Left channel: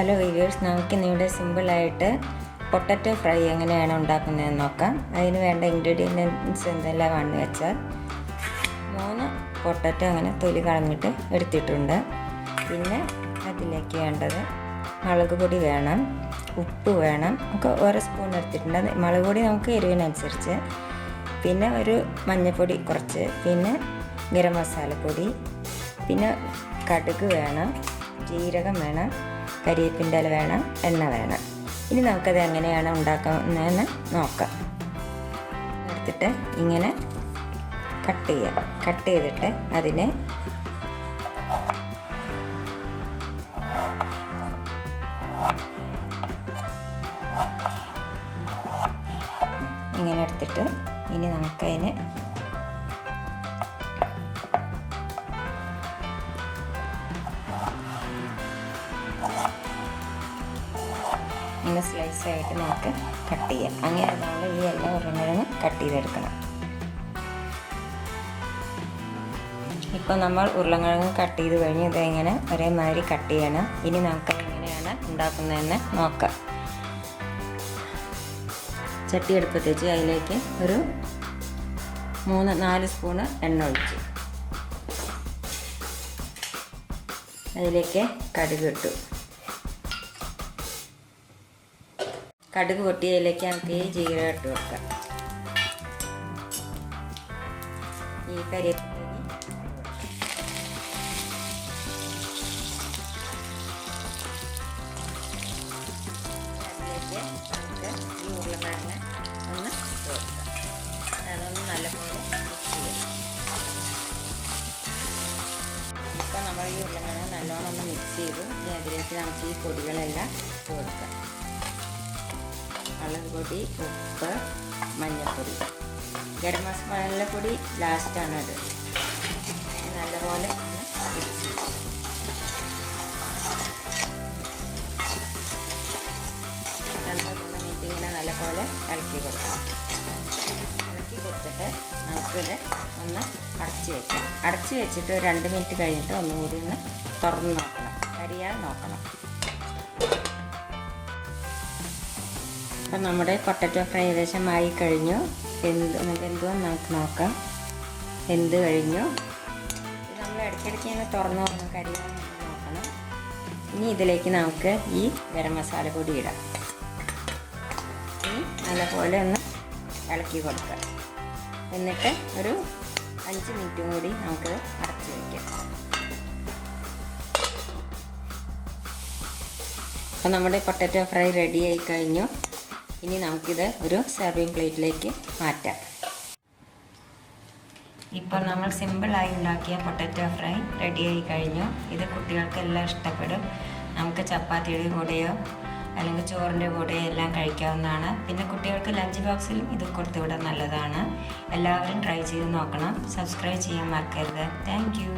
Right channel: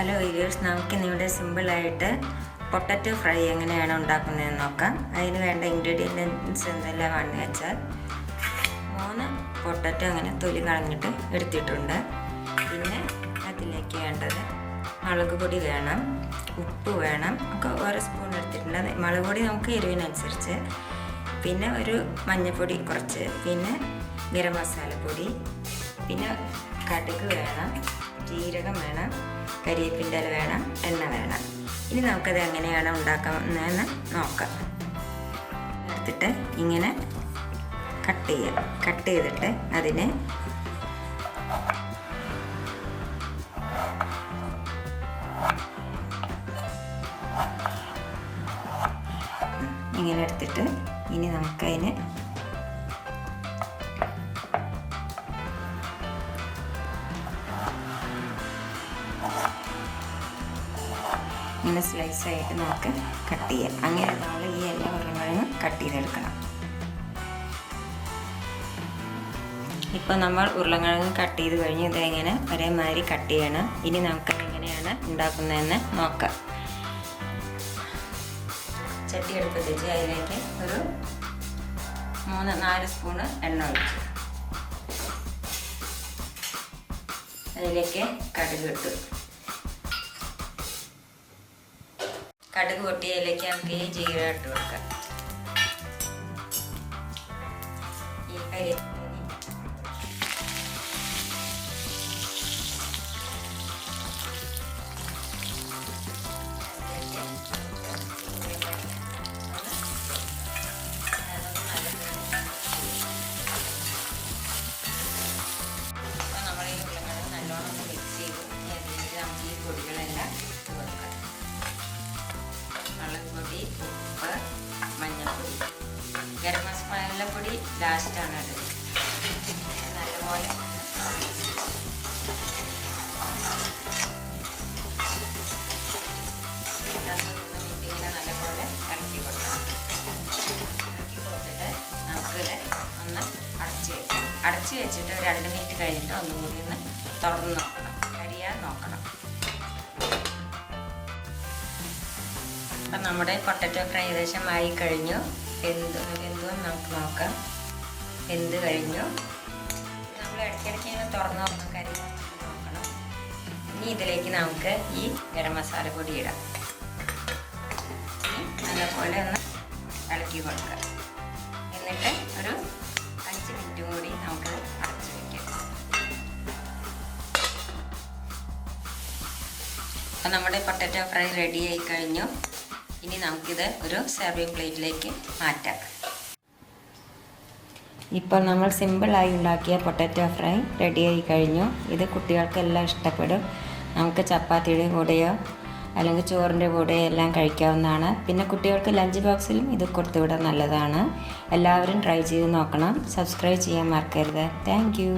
Hello viewers, നമുക്കിന്നിവിടെ സിമ്പിളായിട്ട് potato fry എങ്ങനെയാണ് ഉണ്ടാക്കുന്നതെന്ന് നോക്കാം. അതിന് വേണ്ട ഇൻഗ്രീഡിയൻസ് എന്തെല്ലാമാണെന്ന് വെച്ചാൽ 3 പൊട്ടറ്റോ അങ്ങനെ തൊലി കളഞ്ഞിട്ട് എടുത്തിട്ടുണ്ട്. പിന്നെ അതിലേക്ക് വേണ്ടത് മുളക് പൊടി വേണം, ഉപ്പ് വേണം, ഒക്കെ ഓരോ സ്പൂൺ എടുത്തിട്ടുണ്ട്. മുളക് പൊടി നമുക്ക് എരിവിനനുസരിച്ച്, പിന്നെ ഒരു മഞ്ഞൾപ്പൊടി കുറച്ച്, പിന്നെ ഗരം മസാലപ്പൊടി, പിന്നെ കടുക് വേണം, ജീരകം വേണം, കരിവേപ്പിൻ്റെ ഇല വേണം, എണ്ണ വേണം. ഇനി നമുക്കത് എങ്ങനെയാണ് ഉണ്ടാക്കുന്നതെന്ന് നോക്കാം. എടുത്തിട്ട് ഇങ്ങനെ കട്ട് ചെയ്തിട്ട് അതിനെ ഇങ്ങനെ എടുത്തിട്ട് ഇനി നമുക്കതിന് ഇങ്ങനെ സ്ലൈസായിട്ട് നമുക്ക് കട്ട് ചെയ്യാം. അങ്ങനെ നമ്മൾ ഈ എല്ലാ ഉരുളക്കിഴങ്ങും കട്ട് ചെയ്തെടുക്കണം. ഇപ്പോൾ നമ്മൾ ഉരുളക്കിഴങ്ങ് കട്ട് ചെയ്ത് കഴിഞ്ഞ് ഇതെങ്ങനെ ഒരേമാതിരി കട്ട് ചെയ്യണം. ഇനി നമുക്ക് എങ്ങനെയാണ് ഉണ്ടാക്കുന്നതെന്ന് നോക്കാം. ചട്ടി അടുപ്പത്ത് വെച്ച് അതിലേക്ക് ഒരു 3-4 സ്പൂണ് എണ്ണ ഒഴിച്ചു. അതിലേക്ക് കടുക് ഇട്ടു. കടുക് പൊട്ടിയതിലേക്ക് നമുക്ക് ഈ ജീരകം ഇട്ട് വെക്കാം. ഈ കരിവേപ്പില ഇപ്പം നമ്മൾ ഈ ഉരുളക്കിഴങ്ങ് നല്ലോണം ഒന്ന് മിക്സ് ചെയ്ത് അതിലേക്ക് നമുക്ക് ഈ പൊടികളെല്ലാം ഇട്ട് കൊടുക്കാം. മുളക് പൊടി, ഉപ്പ്, മഞ്ഞൾപ്പൊടി, ഗരം മസാലപ്പൊടി ലാസ്റ്റാണ് അത്. നല്ലപോലെ 2-3 മിനിറ്റ് ഇങ്ങനെ നല്ലപോലെ ഇളക്കി കൊടുക്കാം. ഇളക്കി കൊടുത്തിട്ട് നമുക്കിത് ഒന്ന് അടച്ച് വെച്ചിട്ട് 2 മിനിറ്റ് കഴിഞ്ഞിട്ട് ഒന്നുകൂടി ഒന്ന് തുറന്ന് നോക്കണം, കരിയാൻ നോക്കണം. അപ്പം നമ്മുടെ പൊട്ടറ്റോ ഫ്രൈ ഏകദേശം ആയി കഴിഞ്ഞു. എന്തും നമുക്ക് നോക്കാം. വെന്ത് കഴിഞ്ഞു. നമ്മൾ ഇടയ്ക്കിടയ്ക്ക് ഇങ്ങനെ തുറന്ന് കരിയാൻ നോക്കണം. ഇനി ഇതിലേക്ക് നമുക്ക് ഈ ഗരം മസാല പൊടി ഇടാം. ഇനി നല്ലപോലെ ഒന്ന് ഇളക്കി കൊടുക്കാം. എന്നിട്ട് ഒരു 5 മിനിറ്റും കൂടി നമുക്ക് അടച്ച് വയ്ക്കാം. അപ്പം നമ്മുടെ പൊട്ടറ്റോ ഫ്രൈ റെഡി ആയി കഴിഞ്ഞു. ഇനി നമുക്കിത് ഒരു സെർവിങ് പ്ലേറ്റിലേക്ക് മാറ്റാം. ഇപ്പോൾ നമ്മൾ സിമ്പിളായി ഉണ്ടാക്കിയ പൊട്ടറ്റോ ഫ്രൈ റെഡിയായി കഴിഞ്ഞു. ഇത് കുട്ടികൾക്കെല്ലാം ഇഷ്ടപ്പെടും. നമുക്ക് ചപ്പാത്തിയുടെ കൂടെയോ അല്ലെങ്കിൽ ചോറിൻ്റെ കൂടെയോ എല്ലാം കഴിക്കാവുന്നതാണ്. പിന്നെ കുട്ടികൾക്ക് ലഞ്ച് ബോക്സിലും ഇത് കൊടുത്തുവിടാൻ നല്ലതാണ്. എല്ലാവരും ട്രൈ ചെയ്ത് നോക്കണം. സബ്സ്ക്രൈബ് ചെയ്യാൻ മറക്കരുത്. Thank you.